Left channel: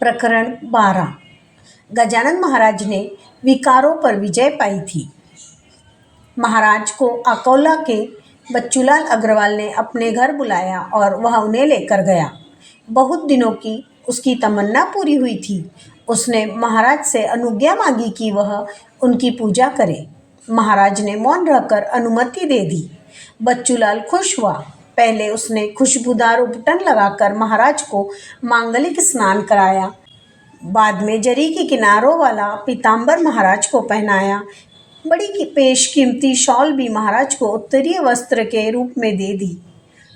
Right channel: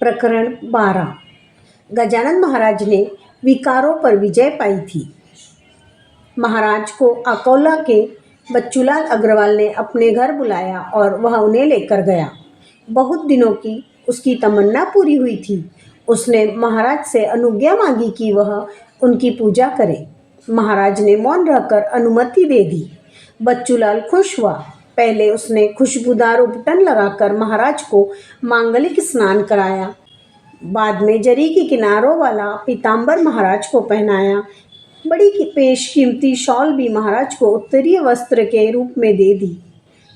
प्रकरण 12। गजानन महाराज ने विकारों पर विजय पाई थी। महाराज को अकोला के बच्चूलाल अग्रवाल ने अपने घर बुलाया और वह उन्हें लेकर गया। बहुत दिनों की उसकी तमन्ना पूरी हुई थी। उसने महाराज से अनुज्ञा मांगी कि वह उनकी पूजा करे। महाराज ने मौन रहकर अनुमति दे दी। बच्चूलाल खुश हुआ। पहले उसने खुशबूदार उपटन लगाकर महाराज को मांगलिक स्नान कराया। बाद में जरी की किनारों वाला पीताम्बर महाराज को पहनाया। बड़ी पेशकीमती शॉल भी महाराज को उत्तरीय वस्त्र के रूप में दे दी।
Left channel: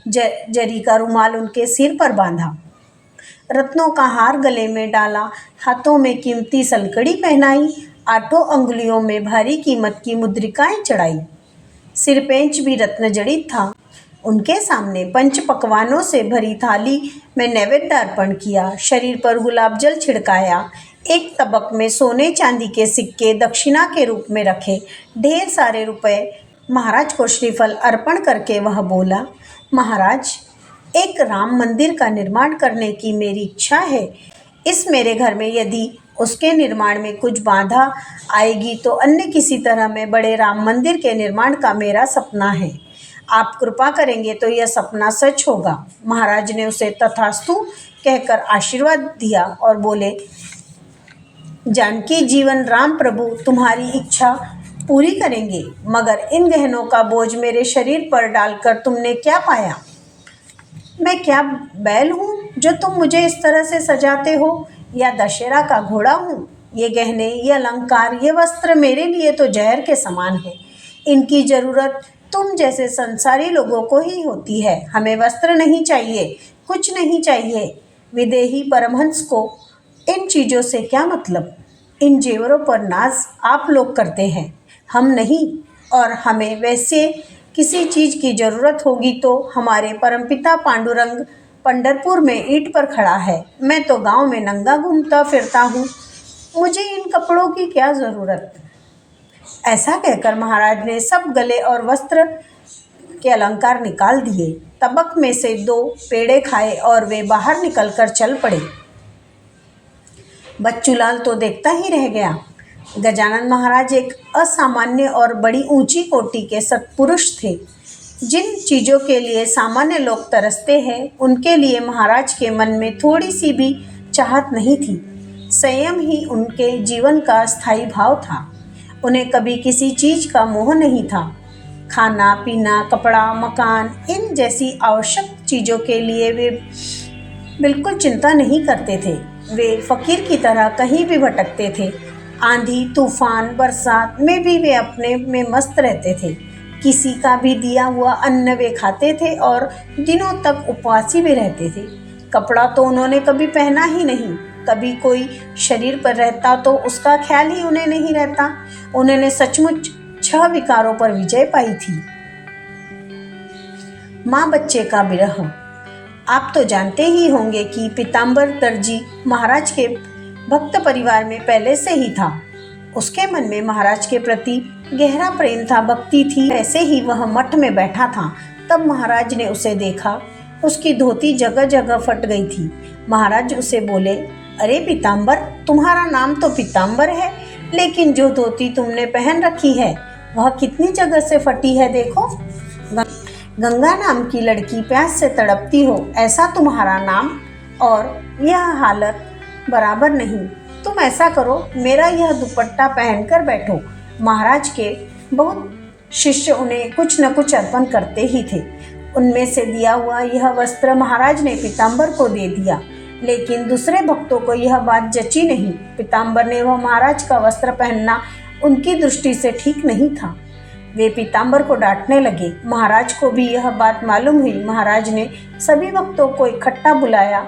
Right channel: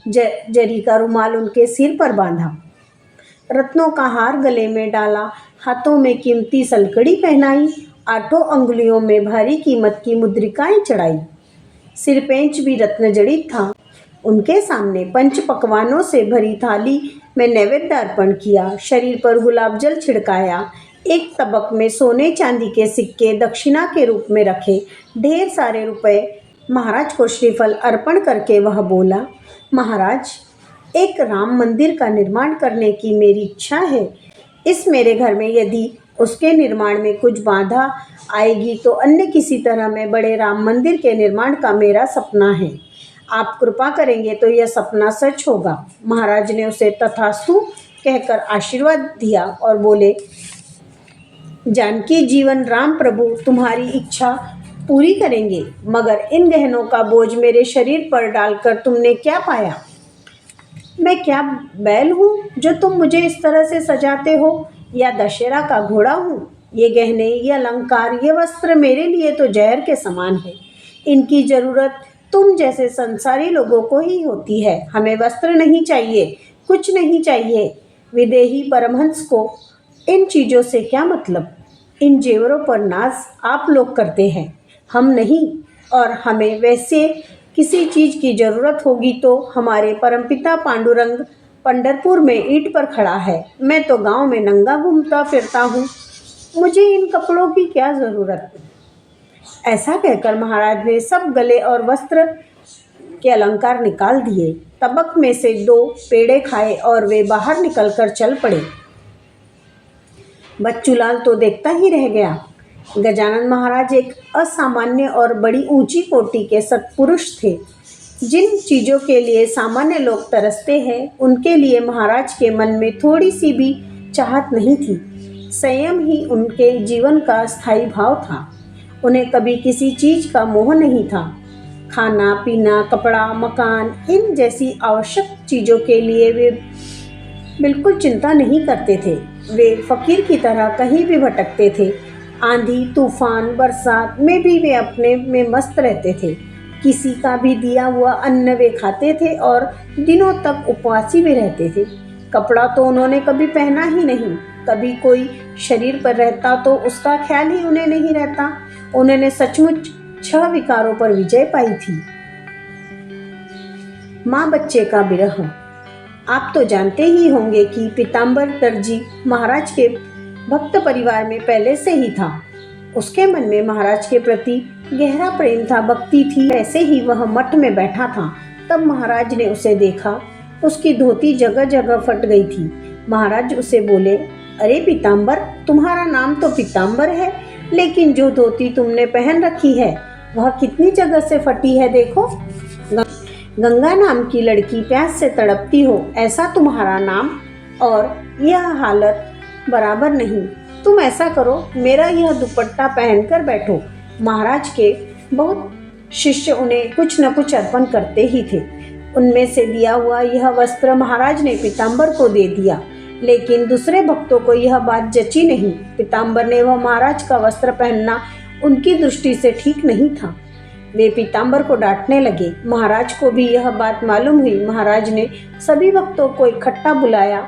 जरी का रुमाल उनके सिर पर बांधा। रत्नों का हार गले में डाला। हाथों में कीमती सलकड़ी पहनाई। 8 अंगुलियों में भारी कीमत की मुद्रिकाएं चढ़ाई। सिरपेंच भी रत्न जड़ित था। उनके सामने पंच पकवानों से भरी थाली में नैवेद्य अर्पण किया। शरीर पर गुलाब जल छिड़काया। एक तबक में सोने चांदी के सिक्के दक्षिणा के रूप में रखे। ढेर सारे रुपए महाराज को श्रीफल अर्पण करके वह बोला, महाराज, एक राम मंदिर का निर्माण करने की मेरी इच्छा है। इस मेरे घर में यदि उसके निर्माण में कुछ बाधा आएगी तो अन्य किसी तरह में बड़े राम मंदिर के निर्माण का मेरा सपना है। आप कृपा करेंगे तो यह सपना सच होगा। महाराज ने उसे तथास्तु कहकर आशीर्वाद दिया और बोले, जानकी जीवन राम प्रभु तुम्हारी इच्छा पूरी करेंगे। मगर इन गहनों का बोझ मेरे शरीर पर डालकर तुमने क्या पाया? मैं क्या बैल हूँ जो तुम मुझे इस तरह से सजाते हो, या दशहरा का घोड़ा हूँ? ये गहने, ये अलंकार, ये वस्त्र मेरे लिए तो जहर के समान है। इनकी ज़रूरत तुम जैसे संसारी लोगों को ही होती है। हमें वस्त्र नहीं चाहिए, कुछ नहीं चाहिए। विदेही परमहंस को इन चीज़ों से क्या मतलब? इन जेवरों पर नाज आप लोग करते हैं, हम नहीं। और हमें वैसे किसी चीज़ की ज़रूरत होगी तो हमारे परमपिता पांडुरंग पंढरपुर में ईंट पर खड़ा है। मैं तो गांव में नंगा घूमता फिरता हूँ, मुझे इन कपड़ों की क्या ज़रूरत? ऐसा कहकर महाराज ने सब गले और वस्त्र के अलंकार निकाल दिए। तबक में से 2 पेड़े खाए और वे बाहर निकलकर चल पड़े। बच्चूलाल तो देखता ही रह गया। गजानन महाराज एक असामान्य और बड़ी ऊंची कोटि के सत्पुरुष थे। जिन चीज़ों के लिए सामान्य लोग तरसते हैं, उनके लिए महाराज के मन में थोड़ी सी भी चाहत नहीं थी। संयम ही उनके जीवन का स्थायी भाव था। उन्हें कभी किसी चीज़ का मोह नहीं था। खाना पीना, कपड़ा, मकान, इन जैसी आवश्यक चीज़ों के लिए वे बिल्कुल चिंता नहीं करते थे। वे फकीर की तरह कहीं भी भटकते थे। आंधी, तूफान, बरसात में भी वे अपने में मस्त रहते थे। किसी का भी दिया हुआ अन्न वे खाते थे और दिनों तक उपवासी भी रहते थे। कपड़ा तो उन्होंने कभी पहना ही नहीं। कभी कोई शरीर पर रहता तो उसका ख्याल ही उन्हें नहीं रहता। उन्होंने सचमुच 6 विकारों पर विजय पाई थी। माँ बच्चे का विरह। आप तो जानते ही होंगे कि पीताम्बर दर्जी महाराज के भक्त परिवार में पहले से ही था। उसके मन में महाराज के प्रति गहरा प्रेम था, भक्ति थी। ऐसे ही वह मठ में बैठा था, तब महाराज ने उसे देखा। उसकी धोती जगह जगह फट गई थी। महाराज उसे बोले, अरे पीताम्बर, तुम्हारा नाम तो पीताम्बर है, लेकिन जो धोती तुमने पहन रखी है वह कितनी जगह से फटी है, देखो। गंगा नाम की लड़की प्यास से तड़पती हो, ऐसा तुम्हारा नाम और यह हालत बराबर नहीं। तुम ऐसा करो, मेरा यह दुपट्टा पहनकर बैठो। महाराज के बहुत शिष्य उन्हें कुछ न कुछ अर्पण करते ही थे। उनमें से दिया हुआ यह वस्त्र महाराज ने पीताम्बर को दे दिया, लेकिन दूसरे भक्तों को यह बात जची नहीं। पीताम्बर ने वह महाराज का वस्त्र पहनना उनकी दृष्टि से ठीक नहीं था। वे पीताम्बर को डांटने लगे। महाराज को भी यह बात मालूम हुई। महाराज ने सभी भक्तों को इकट्ठा बुलाया,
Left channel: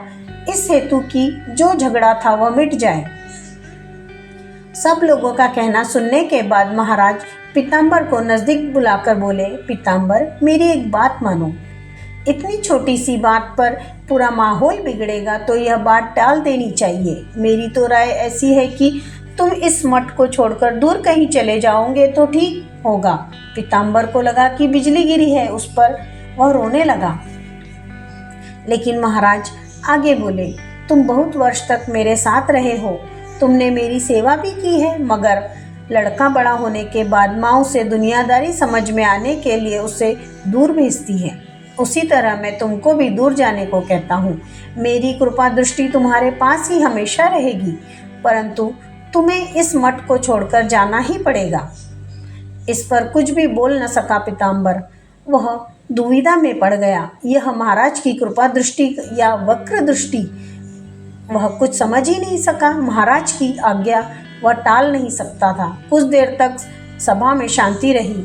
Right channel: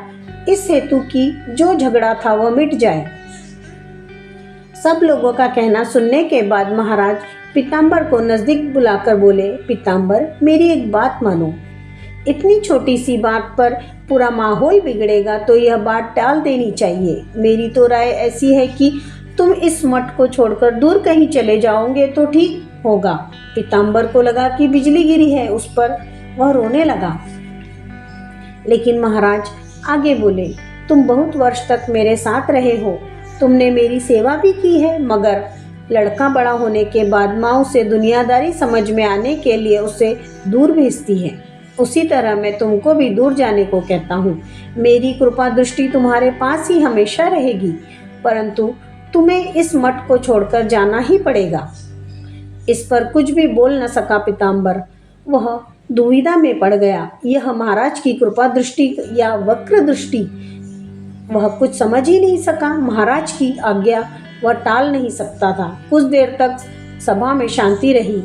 इस हेतु कि जो झगड़ा था वह मिट जाए। सब लोगों का कहना सुनने के बाद महाराज पीताम्बर को नजदीक बुलाकर बोले, पीताम्बर, मेरी एक बात मानो। इतनी छोटी सी बात पर पूरा माहौल बिगड़ेगा तो यह बात टाल देनी चाहिए। मेरी तो राय ऐसी है कि तुम इस मठ को छोड़कर दूर कहीं चले जाओगे तो ठीक होगा। पीताम्बर को लगा कि बिजली गिरी है उस पर। वह रोने लगा। लेकिन महाराज आगे बोले, तुम बहुत वर्ष तक मेरे साथ रहे हो, तुमने मेरी सेवा भी की है, मगर लड़का बड़ा होने के बाद माँ उसे दुनियादारी समझ में आने के लिए उसे दूर भेजती है। उसी तरह मैं तुमको भी दूर जाने को कहता हूँ। मेरी कृपा दृष्टि तुम्हारे पास ही हमेशा रहेगी, परंतु तुम्हें इस मठ को छोड़कर जाना ही पड़ेगा। इस पर कुछ भी बोल न सका पीताम्बर। वह दुविधा में पड़ गया। यह महाराज की कृपा दृष्टि या वक्र दृष्टि, वह कुछ समझ ही नहीं सका। महाराज की आज्ञा वह टाल नहीं सकता था। कुछ देर तक सभा में शांति रही।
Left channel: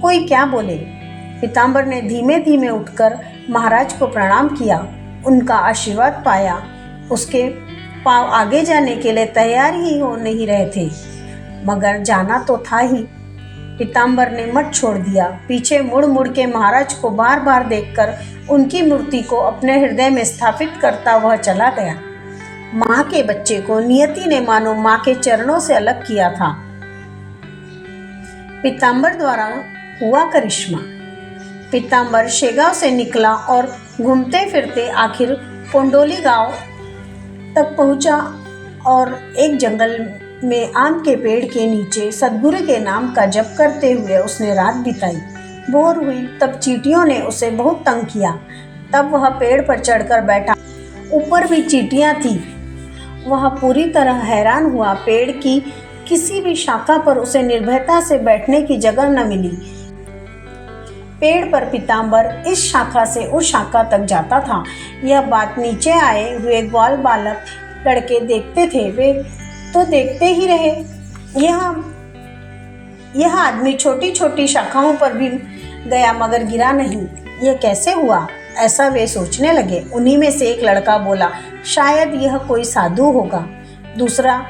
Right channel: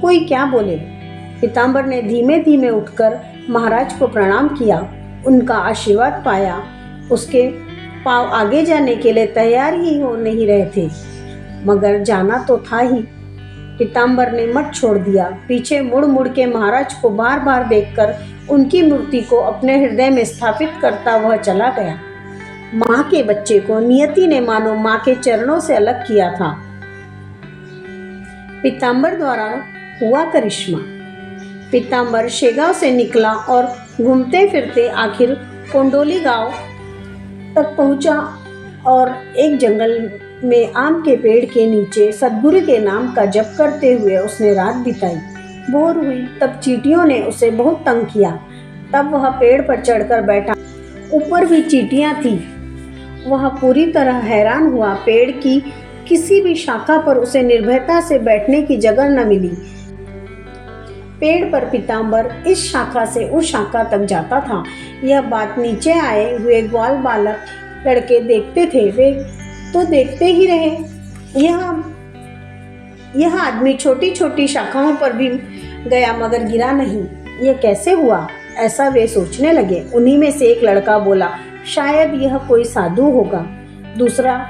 कोई क्या बोले। पीताम्बर ने धीमे धीमे उठकर महाराज को प्रणाम किया, उनका आशीर्वाद पाया। उसके पांव आगे जाने के लिए तैयार ही हो नहीं रहे थे, मगर जाना तो था ही। पीताम्बर ने मठ छोड़ दिया। पीछे मुड़ मुड़ के महाराज को बार बार देखकर उनकी मूर्ति को अपने हृदय में स्थापित करता वह चला गया। माँ के बच्चे को नियति ने मानो माँ के चरणों से अलग किया था। पीताम्बर द्वारा हुआ करिश्मा। पीताम्बर शेगांव से निकला और घूमते फिरते आखिर कोंडोली गांव तक पहुंचा और एक जंगल में आम के पेड़ के नीचे सद्गुरु के नाम का जप करते हुए उसने रात बिताई। भोर हुई तब चींटियों ने उसे बहुत तंग किया। तब वह पेड़ पर चढ़कर बैठा। ऊपर भी चींटियां थी। वह पूरी तरह हैरान हुआ। पेड़ की किसी भी शाखा पर उसे निर्भयता से बैठने की जगह न मिली। पेड़ पर पीताम्बर इस शाखा से उस शाखा तक जाता था। यह बात नीचे आए हुए ग्वाल बालक लड़के देखते थे। वे तो देखते ही रहे। यह आदमी छोटी छोटी शाखाओं पर भी गया मगर गिरा नहीं। यह कैसे हुआ, ऐसा वे सोचने लगे। उन्हीं में से एक लड़का बोला, शायद यह कोई साधु होगा। दूसरा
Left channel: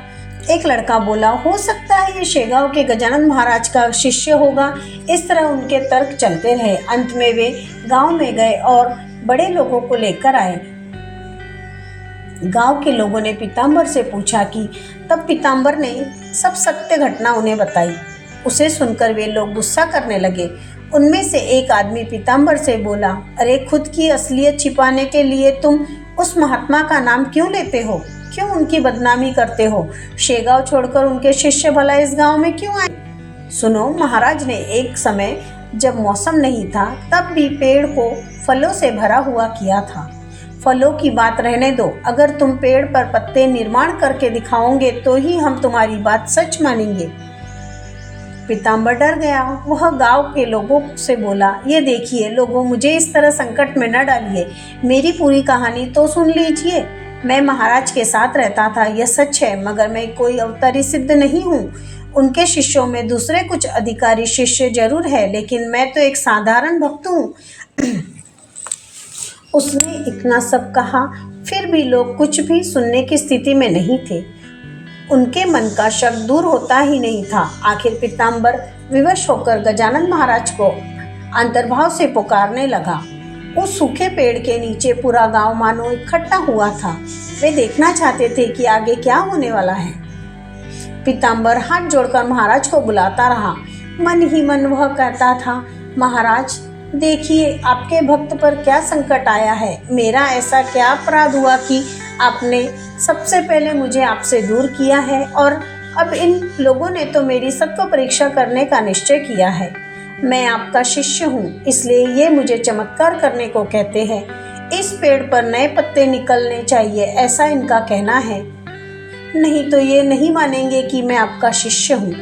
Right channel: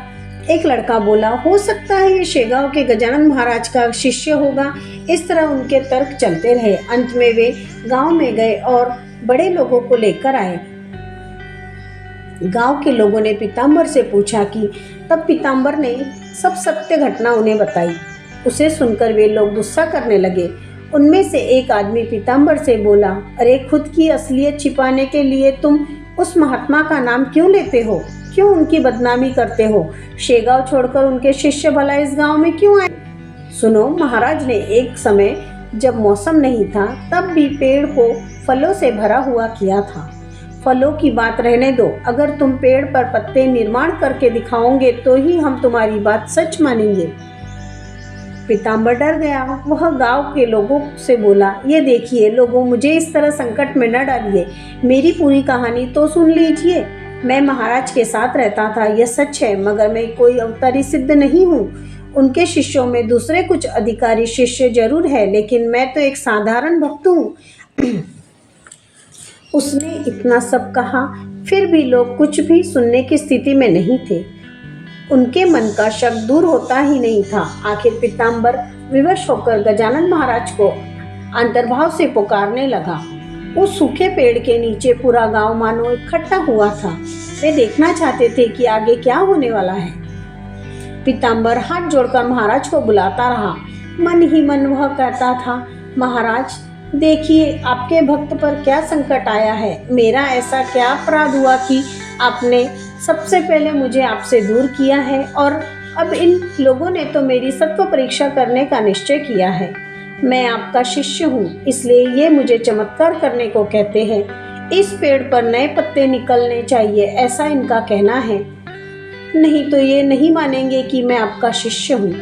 एक लड़का बोला, हो सकता है यह शेगांव के गजानन महाराज का शिष्य होगा। इस तरह उनके तर्क चलते रहे। अंत में वे गांव में गए और बड़े लोगों को लेकर आए। गांव के लोगों ने पीताम्बर से पूछा कि तब पीताम्बर ने सब सत्य घटना उन्हें बताई। उसे सुनकर वे लोग गुस्सा करने लगे। उनमें से एक आदमी पीताम्बर से बोला, अरे खुद की असलियत छिपाने के लिए तुम उस महात्मा का नाम क्यों लेते हो? क्यों उनकी बदनामी करते हो? शेगांव छोड़कर उनके शिष्य भला इस गांव में क्यों आए? सुनो, महाराज ने एक समय जब मौसम नहीं था तब भी पेड़ को फलों से भरा हुआ किया था। फलों की बात रहने दो, अगर तुम पेड़ पर पत्ते निर्माण करके दिखाओगे तो ही हम तुम्हारी बात सच मानेंगे। पीताम्बर डर गया। वह गांव के लोगों से बोला, ये देखिए लोगों, मुझे इस तरह संकट में न डालिए। मेरी पूरी कहानी तो सुन लीजिए। मैं महाराज के साथ रहता था, यह सच है, मगर मैं कोई अवतारी सिद्ध नहीं हूँ। उनके शिष्यों में दूसरे कुछ अधिकारी शिष्य जरूर है, लेकिन मैं तो एक साधारण भक्त हूँ। उसने इतना सब कहा, फिर भी लोग कुछ भी सुनने की स्थिति में नहीं थे। उनके मन का शक दूर होता ही नहीं था। आखिर पीताम्बर विवश होकर गजानन महाराज को अंतर्भाव से पुकारने लगा। उस सूखे पेड़ के नीचे पूरा गांव मानो इकट्ठा हुआ था। वे देखना चाहते थे कि आगे क्या होने वाला है। पीताम्बर हाथ जोड़कर महाराज को बुलाता रहा। मन ही मन वह कहता था, महाराज देखिए आपके भक्त पर क्या संकट आया है। मेरा ऐसा क्या अपराध हुआ कि आपने सबसे पहले मुझे आपसे दूर किया है, और अब इन लोगों ने तो मेरी सत्व परीक्षा करने का निश्चय किया है। मैं आपका शिष्य हूँ, इसलिए ये मुझे चमत्कार करने को कहते हैं। इस पेड़ पर नए पत्ते निकलने चाहिए, ऐसा इनका कहना है। नहीं तो ये नहीं मानेंगे कि मैं आपका शिष्य हूँ।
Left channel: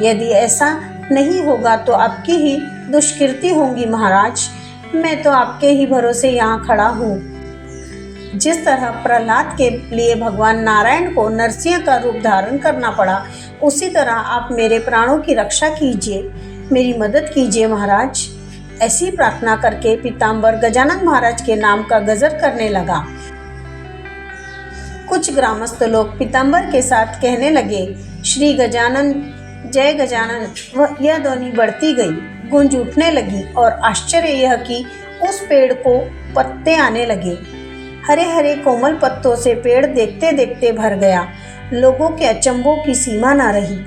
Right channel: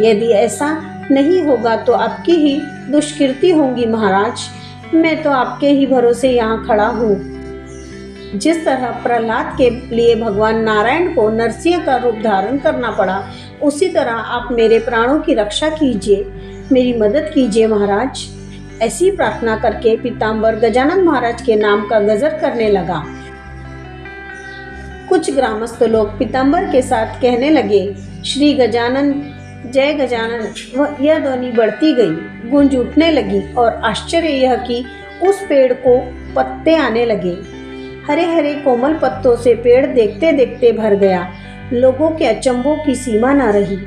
यदि ऐसा नहीं होगा तो आपकी ही दुष्कृति होंगी महाराज। मैं तो आपके ही भरोसे यहाँ खड़ा हूँ। जिस तरह प्रहलाद के लिए भगवान नारायण को नरसिंह का रूप धारण करना पड़ा, उसी तरह आप मेरे प्राणों की रक्षा कीजिए, मेरी मदद कीजिए महाराज। ऐसी प्रार्थना करके पीताम्बर गजानन महाराज के नाम का गजर करने लगा। कुछ ग्रामस्थ लोग पीताम्बर के साथ कहने लगे, श्री गजानन, जय गजानन। यह ध्वनि बढ़ती गई, गूंज उठने लगी और आश्चर्य यह कि उस पेड़ को पत्ते आने लगे। हरे हरे कोमल पत्तों से पेड़ देखते देखते भर गया। लोगों के अचंभों की सीमा न रही।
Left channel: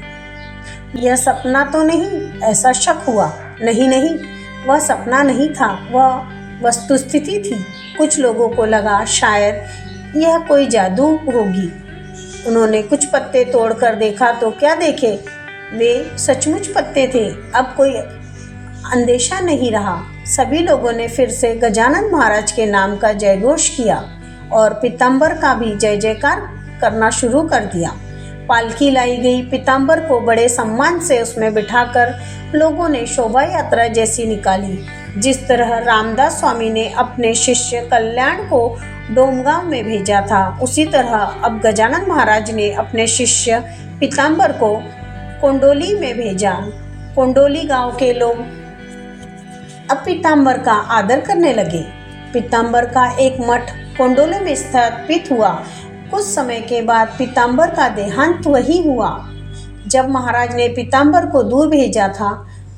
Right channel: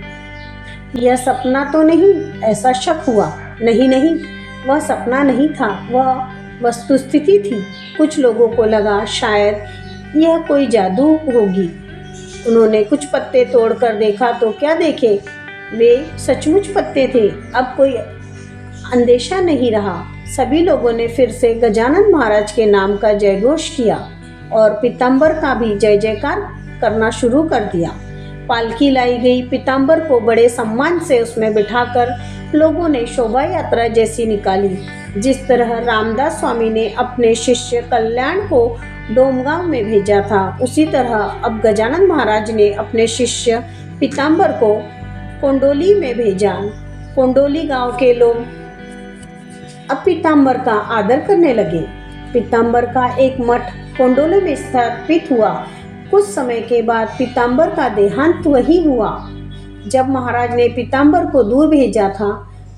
यह सपना तो नहीं, ऐसा शक हुआ। नहीं नहीं, वह सपना नहीं था, वह वस्तुस्थिति थी। कुछ लोगों को लगा शायद यह कोई जादू होगी। उन्होंने कुछ पत्ते तोड़कर देखा तो क्या देखे, वे सचमुच पत्ते थे। अब कोई अंदेशा नहीं रहा। सभी लोगों ने फिर से गजानन महाराज के नाम का जयघोष किया और पीताम्बर का भी जय जयकार करना शुरू कर दिया। पालकी लाई गई। पीताम्बर को बड़े सम्मान से उसमें बिठाकर लोगों ने शोभा यात्रा जैसी निकाली। जिस तरह रामदास स्वामी ने अपने शिष्य कल्याण को डोमगांव में भेजा था, उसी तरह अब गजानन महाराज ने अपने शिष्य पीताम्बर को कोंडोली में भेजा। कोंडोली गांव के लोग अब पीताम्बर का आदर करने लगे। पीताम्बर का एक मठ कोंडोली में स्थापित हुआ। कुछ समय के बाद पीताम्बर का देहांत वही हुआ। जब महाराज ने पीताम्बर को दूर भेजा था,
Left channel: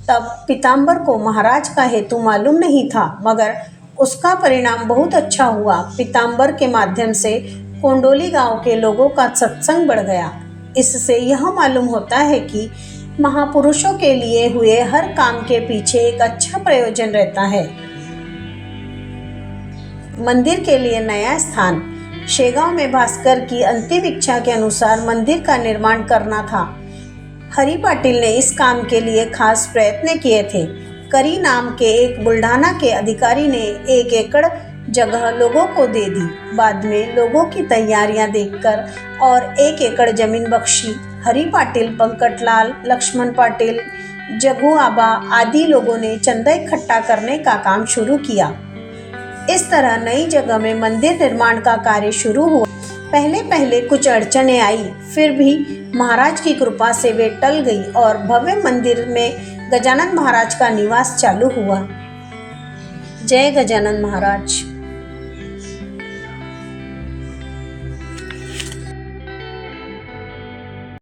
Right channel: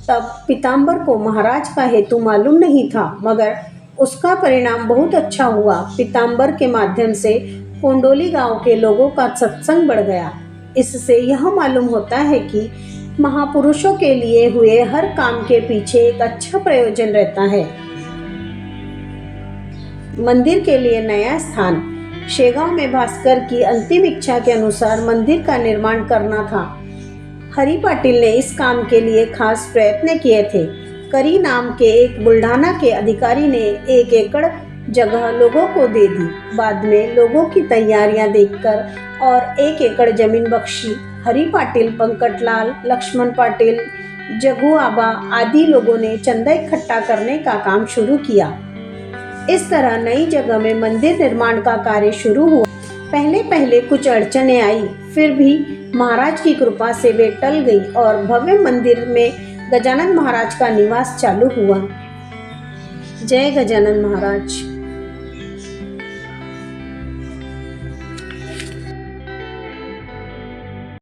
तब पीताम्बर को महाराज का हेतु मालूम नहीं था, मगर उसका परिणाम बहुत अच्छा हुआ। पीताम्बर के माध्यम से कोंडोली गांव के लोगों का सत्संग बढ़ गया। इससे यह मालूम होता है कि महापुरुषों के लिए हुए हर काम के पीछे एक अच्छा प्रयोजन रहता है। मंदिर के लिए नया स्थान। शेगांव में भास्कर की अंतिम इच्छा के अनुसार मंदिर का निर्माण करना था। हरि पाटिल ने इस काम के लिए खास प्रयत्न किए थे। करी नाम के एक बुल्ढाना के अधिकारी ने 1 एकड़ जगह लोगों को दे दी। बाद में लोगों की तैयारियां देखकर और 1 एकड़ जमीन बख्शी। हरि पाटिल, पंकटलाल, लक्ष्मण पाटिल, जगू आबा आदि लोगों ने चंदा इकट्ठा करने का काम शुरू किया। इस तरह नई जगह में मंदिर निर्माण का कार्य शुरू हुआ। पहले पहले कुछ अड़चनें आई, फिर भी महाराज की कृपा से वे टल गई और भव्य मंदिर में गजानन महाराज का निवास चालू हुआ। जय गजानन महाराज।